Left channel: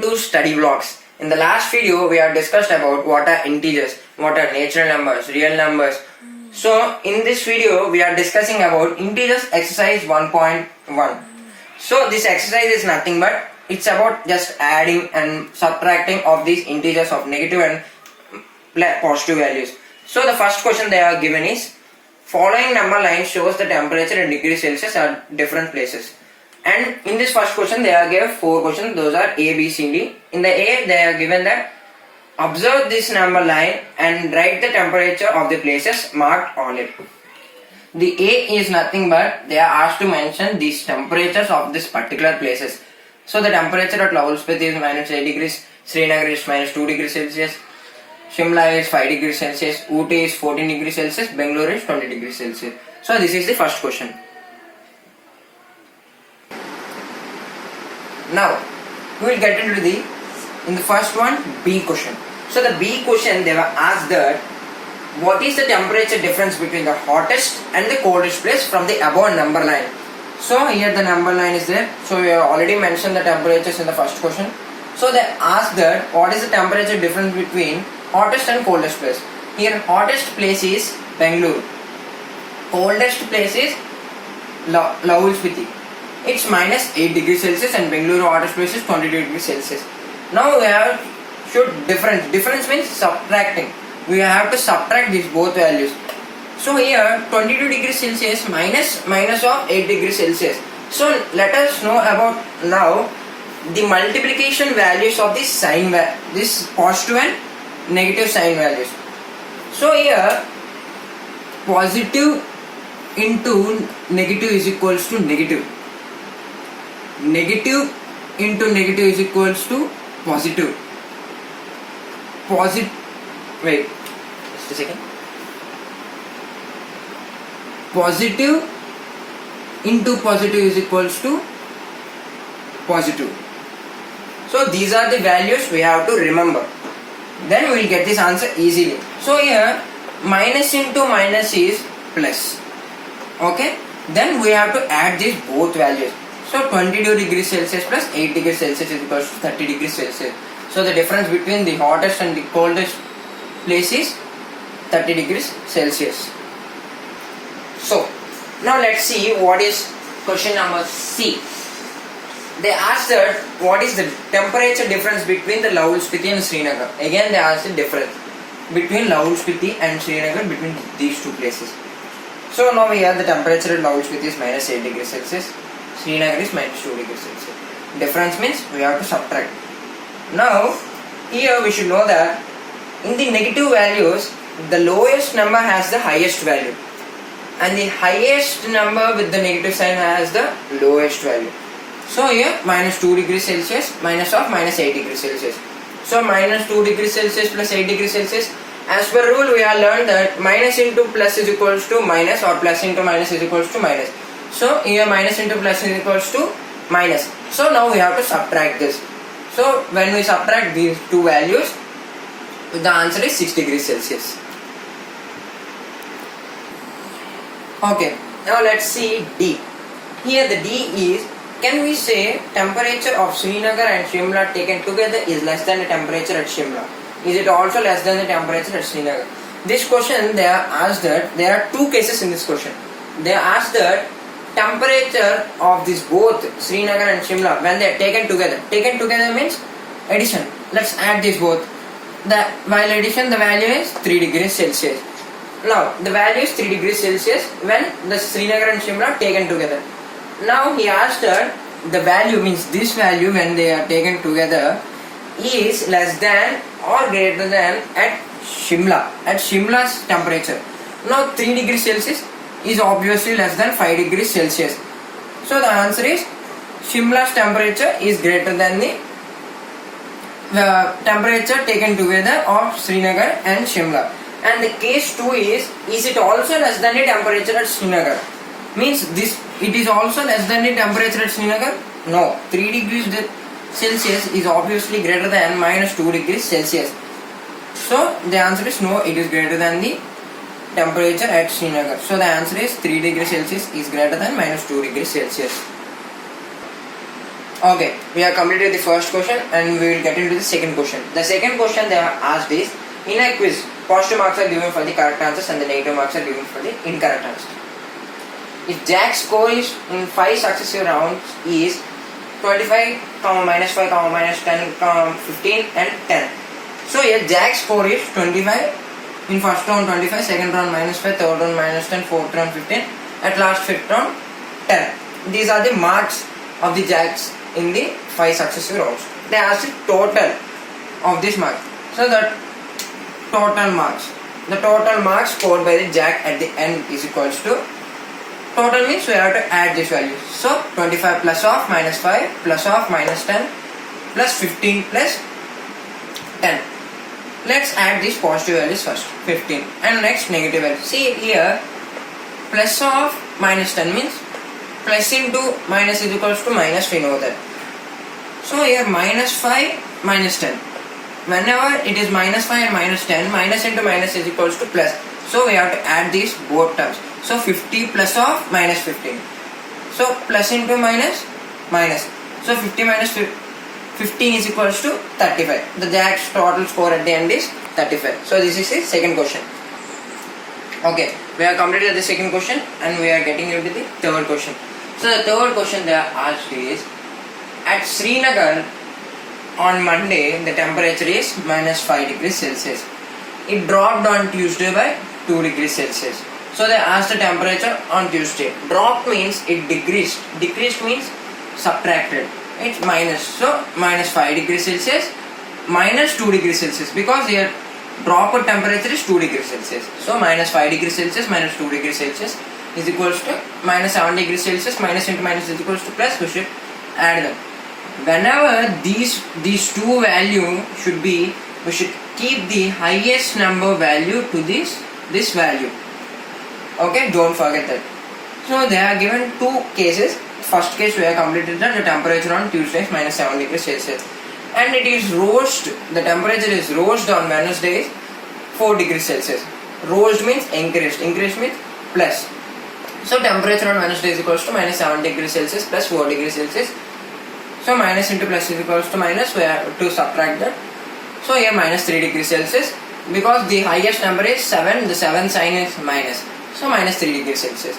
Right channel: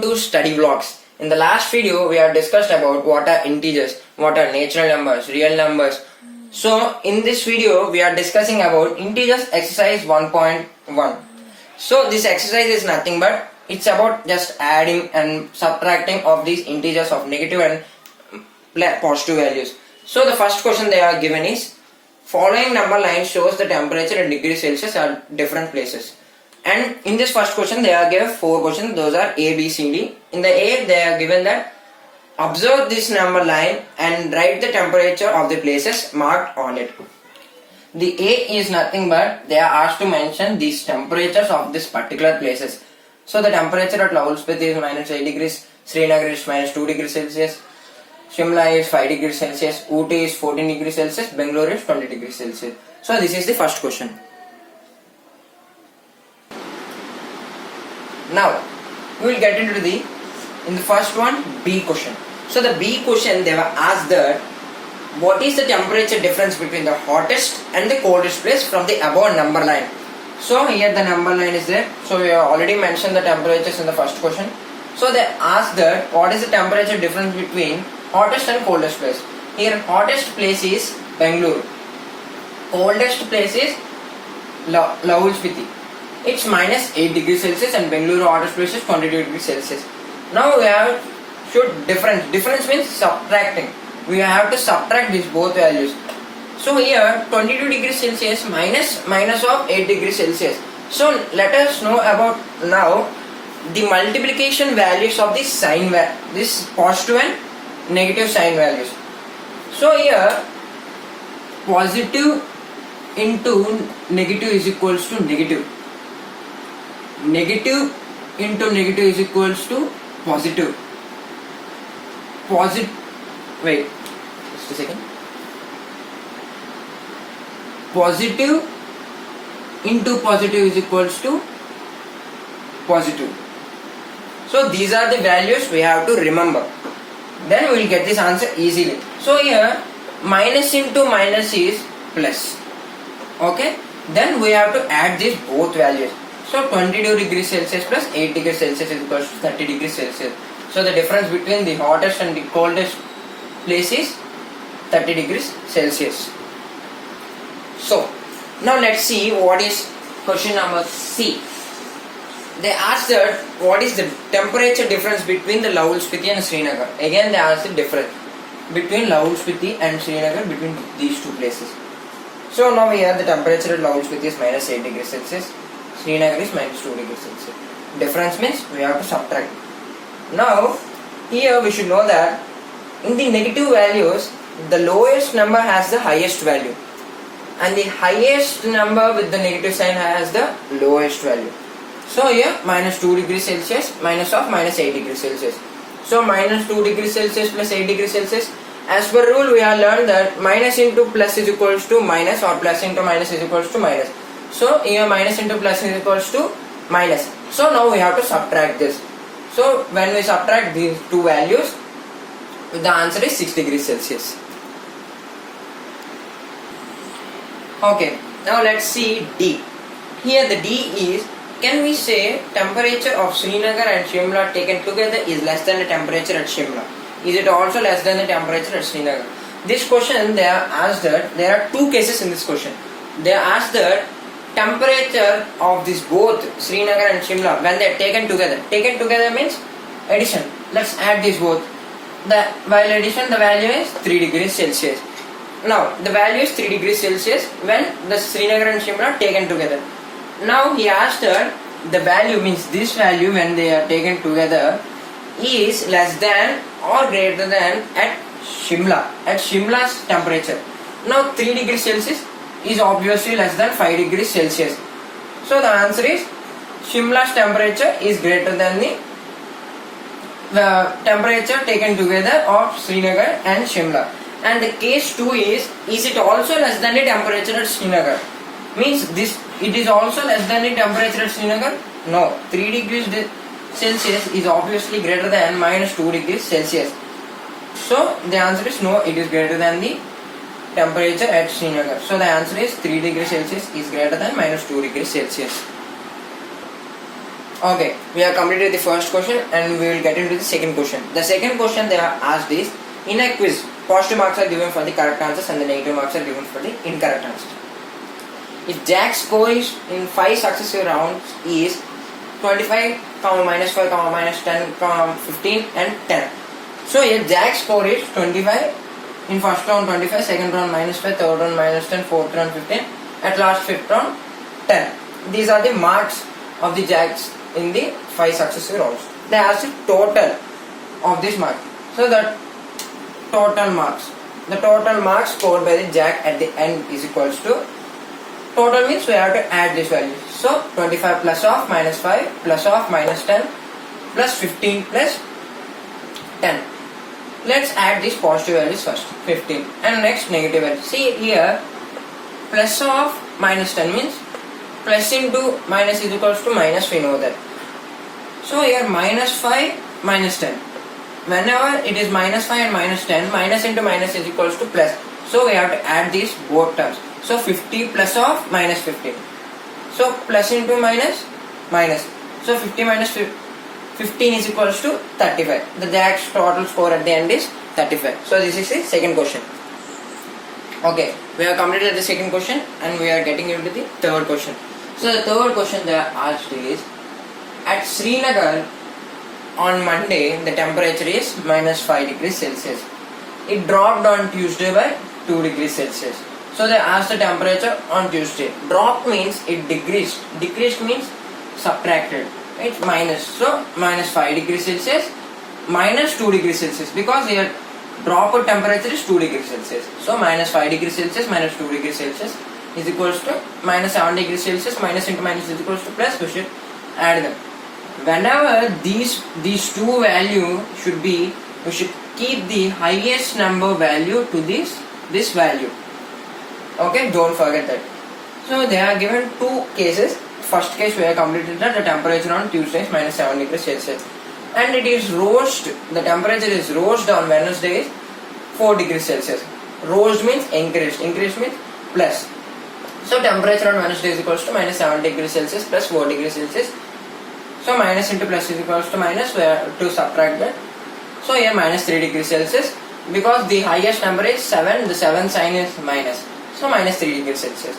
To study blocks. In the last video, we have discussed about what are integers, what are natural numbers, real numbers. So, in this video, we are discussing about integers exercise 1.1. So, this exercise is nothing but it's about just adding and subtracting of these integers of negative and positive values. So, the first question they are given is following number line shows the temperature in degrees Celsius at different places. And in this first question, they are given 4 questions. Those are A, B, C, D. In the A, they are given that observe this number line and write the temperature of the places marked on it. The A is nothing but they are asked to mention these temperatures of this particular places. So the temperature at Lavulspiti is minus 8 degrees, Srinagar is minus 2 degrees Celsius, Shimla is 5 degrees Celsius, Ooty is 14 degrees Celsius, Bangalore is 20 degrees Celsius. So this is the first question. Now, we will get into in the first one, B question. So the B question, they were asked that what is the temperature difference between the hottest and the coldest place from the above number line. So here the number line is there. So we have already mentioned the temperatures in the first question. So they asked that what is the temperature difference between hottest and coldest place. Here hottest place is Bangalore. Coldest place is Lavulspiti. It's minus 8 degrees Celsius and Bangalore hottest place is 22 degrees Celsius. Now we have should difference. Difference means subtracting. We have to subtract these both values. So here 22 degrees Celsius minus of 8 degrees Celsius. So let us know about now the multiplication values of this sign this positive and negative sign values. So here positive into negative is equals to negative. Negative into negative is equals to positive. Wait, just a second. Positive into positive is equals to positive. So these are the values we have to remember. Then we will get this answer easily. So here minus into minus is plus. Okay. Then we have to add these both values. So 22 degrees Celsius plus 8 degrees Celsius is equals to 30 degrees Celsius. So the difference between the hottest and the coldest place is 30 degrees Celsius. So now let's see what is question number C. They asked that what is the temperature difference between the Lavulspiti and Srinagar. Again they asked the difference between Lavulspiti and Srinagar between these two places. So now here the temperature at Lavulspiti is minus 8 degrees Celsius. Srinagar is minus 2 degrees Celsius. Difference means we have to subtract. Now, here we should know that in the negative values, the lowest number has the highest value. And the highest number with the negative sign has the lowest value. So here, minus 2 degrees Celsius, minus 8 degrees Celsius. So, minus 2 degrees Celsius plus 8 degrees Celsius. As per rule, we have learned that minus into plus is equals to minus or plus into minus is equals to minus. So here minus into plus is equals to minus. So now we have to subtract this. So when we subtract these two values, the answer is 6 degrees Celsius. Okay, now let's see D. Here the D is, can we say temperature of Srinagar and Shimla taken together is less than the temperature at Shimla? Is it also less than the temperature at Srinagar? This question they are asked that there are two cases in this question. They are asked that temperature of this both Srinagar and Shimla when they are taken together means addition. Let's add these both. While addition the value is 3 degrees Celsius. Now the value is 3 degrees Celsius when the Srinagar and Shimla taken together. Now he asked her the value means this value when they are taken together is less than or greater than at Shimla's temperature. Now 3 degrees Celsius is obviously less than 5 degrees Celsius. So the answer is Shimla's temperature is greater than the temperature taken together of Srinagar and Shimla. And the case 2 is it also less than the temperature at Srinagar? Means it is also less than the temperature at Srinagar? No. 3 degrees Celsius is obviously greater than minus 2 degrees Celsius. So the answer is no, it is greater than the temperature at Srinagar. So the answer is 3 degrees Celsius is greater than minus 2 degrees Celsius. Okay, we have completed the first question and we will get into the second question. The second question they are asked is, in a quiz, positive marks are given for the correct answers and the negative marks are given for the incorrect answers. If Jack's score is in 5 successive rounds is 25, minus 5, minus 10, 15 and 10. So here Jack's score is 25, in first round 25, second round minus 5, third round minus 10, fourth round 15, at last fifth round 10. These are the marks of the Jacks in the 5 successive rounds. They ask the total of this mark. So the total marks scored by the Jack at the end is equals to, total means we have to add this value. So 25 plus of minus 5 plus of minus 10 plus 15 plus 10. Let's add these positive values first, 15, and next negative values. See here, plus of minus 10 means plus into minus is equals to minus, we know that. So here minus 5 minus 10. Whenever it is minus 5 and minus 10, minus into minus is equals to plus. So we have to add these both terms. So 50 plus of minus 15. So plus into minus, minus. So 50 minus 15 is equals to 35. The Jack's total score at the end is 35. So this is the second question. Okay, we have completed the second question and we are getting into the third question. So the third question they are asked is, at Srinagar on Monday the temperature is minus 5 degrees Celsius. It dropped on Tuesday by 2 degrees Celsius. So they asked the temperature on Tuesday. Drop means it decreased. Decreased means subtracted. It's minus. So minus 5 degrees Celsius minus 2 degrees Celsius, because here drop of temperature is 2 degrees Celsius. So minus 5 degrees Celsius minus 2 degrees Celsius is equals to minus 7 degrees Celsius. Minus into minus is equals to plus. We should add them. Whenever these two value should be, we should keep the highest number value to this value. Okay, don't forget that. So they are given two cases. First case we have completed that the temperature on Tuesday is minus 7 degrees Celsius. And it is rose, the temperature is rose on Wednesday is 4 degrees Celsius. Rose means increased. Increased means plus. So temperature on Wednesday is equals to minus 7 degrees Celsius plus 4 degrees Celsius. So minus into plus is equals to minus, we have to subtract that. So here minus 3 degrees Celsius, because the highest number is 7, the 7 sign is minus. So minus 3 degrees Celsius.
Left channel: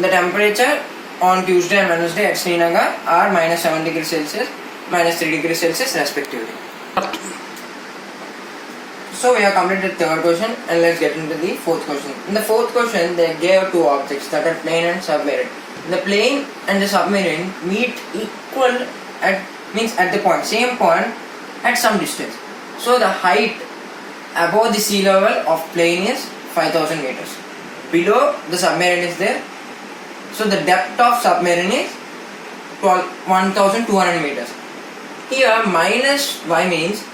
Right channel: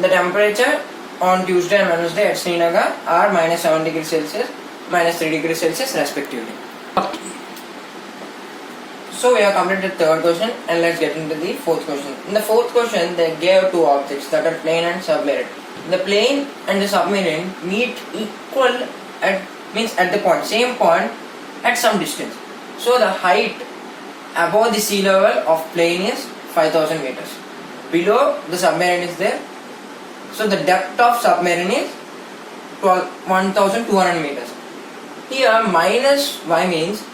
The temperature on Tuesday and Wednesday at Srinagar are minus 7 degrees Celsius, minus 3 degrees Celsius respectively. So we have completed the third question and let's get into the fourth question. In the fourth question they gave two objects, that are plane and submarine. The plane and the submarine meet equal at the same point at some distance. So the height above the sea level of plane is 5000 meters. Below the submarine is there. So the depth of submarine is 1200 meters. Here minus y means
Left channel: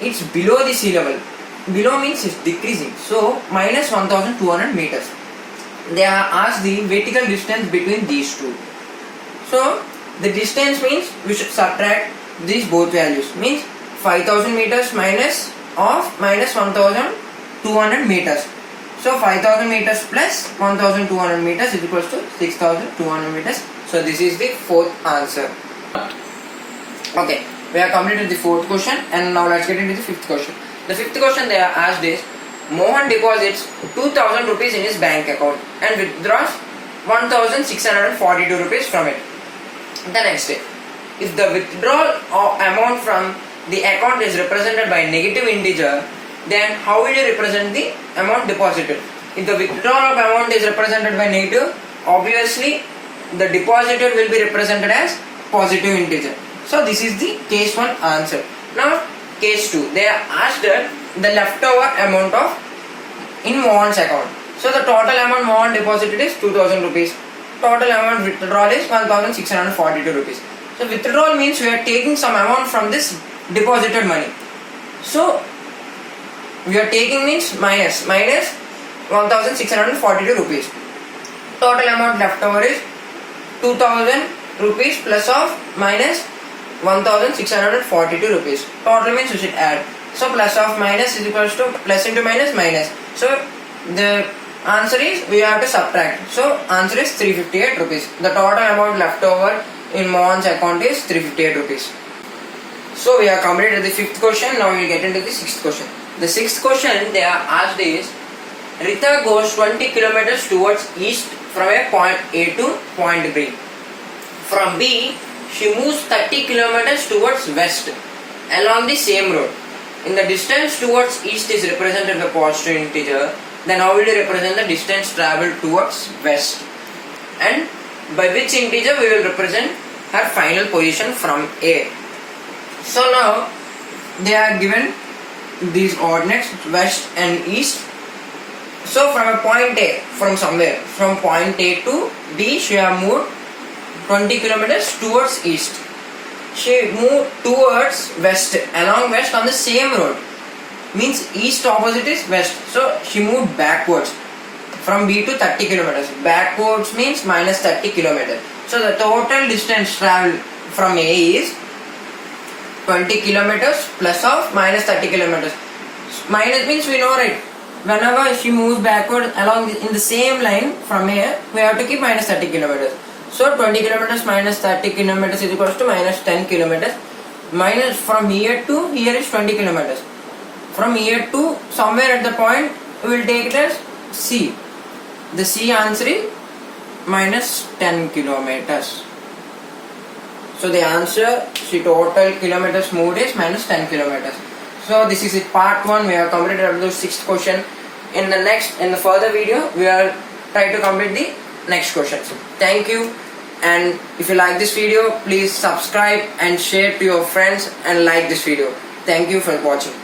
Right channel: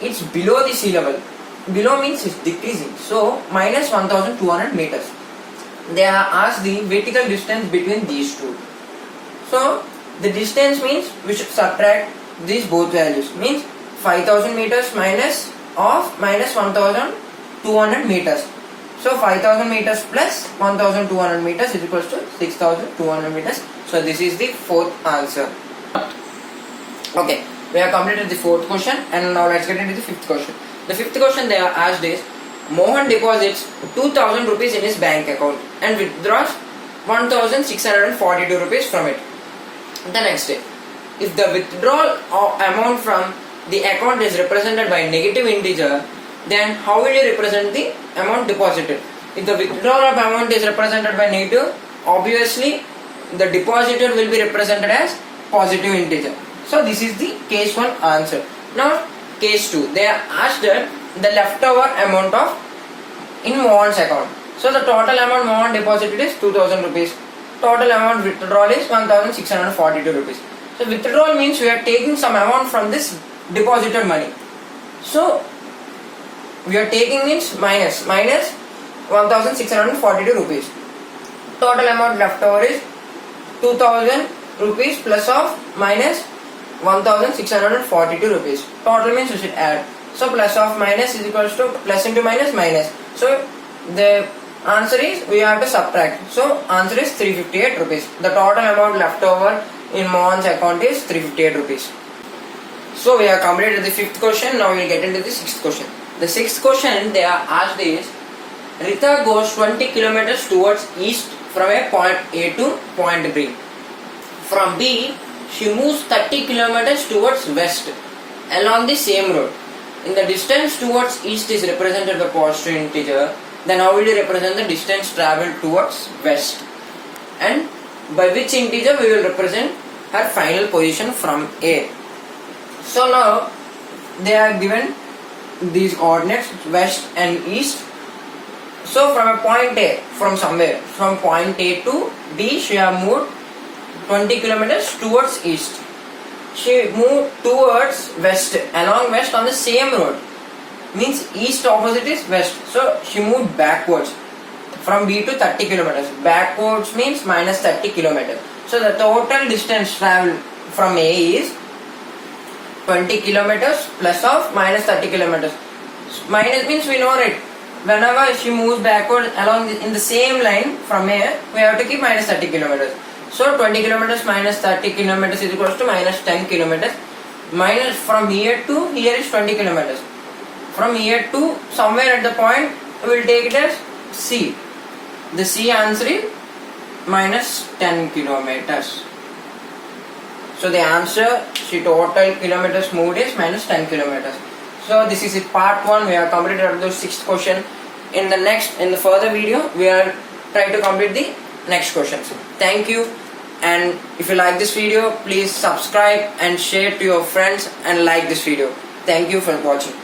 it's below the sea level. Below means it's decreasing. So minus 1200 meters. They are asked the vertical distance between these two. So the distance means we should subtract these both values. Means 5000 meters minus 1200 meters. So 5000 meters plus 1200 meters is equals to 6200 meters. So this is the fourth answer. Okay, we have completed the fourth question and now let's get into the fifth question. The fifth question they are asked is, Mohan deposits 2000 rupees in his bank account and withdraws 1642 rupees from it the next day. If the withdrawal amount from the account is represented by negative integer, then how will you represent the amount deposited? If the withdrawal of amount is represented by negative, obviously the deposited will be represented as positive integer. So this is the case 1 answer. Now case 2, they are asked the leftover amount of in Mohan's account. So the total amount Mohan deposited is 2000 rupees. Total amount withdrawal is 1642 rupees. So withdrawal means we are taking some amount from this deposited money. So we are taking means minus 1642 rupees. Total amount left over is 2000 rupees plus of minus 1642 rupees. Total means we should add. So plus of minus is equals to plus into minus minus. So the answer is we have to subtract. So answer is 358 rupees. The total amount left over in Mohan's account is 358 rupees. So we have completed the 5th question. Now we will get into the 6th question. The 6th question they are asked is, Rita goes 20 kilometers towards east from a point A to point B. From B, she moves 30 kilometers towards west along the same road. In the distance towards east is represented by positive integer, then how will you represent the distance travelled towards west? And by which integer we will represent her final position from A. So now they are given these ordinates west and east. So from a point A, from somewhere, from point A to D, she have moved 20 kilometers towards east. She moved towards west, along west on the same road. Means east opposite is west. So she moved backwards from B to 30 kilometers. Backwards means minus 30 kilometers. So the total distance traveled from A is 20 kilometers plus of minus 30 kilometers. Minus means we know, right? Whenever she moves backward along in the same line from here, we have to keep minus 30 kilometers. So 20 kilometers minus 30 kilometers is equals to minus 10 kilometers. Minus from here to here is 20 kilometers. From here to somewhere at the point, we will take it as C. The C answer is minus 10 kilometers. So the answer, she total kilometers moved is minus 10 kilometers. So this is it, part 1. We have completed up to 6th question. In the further video, we will try to complete the next questions. Thank you. And if you like this video, please subscribe and share to your friends and like this video. Thank you for watching.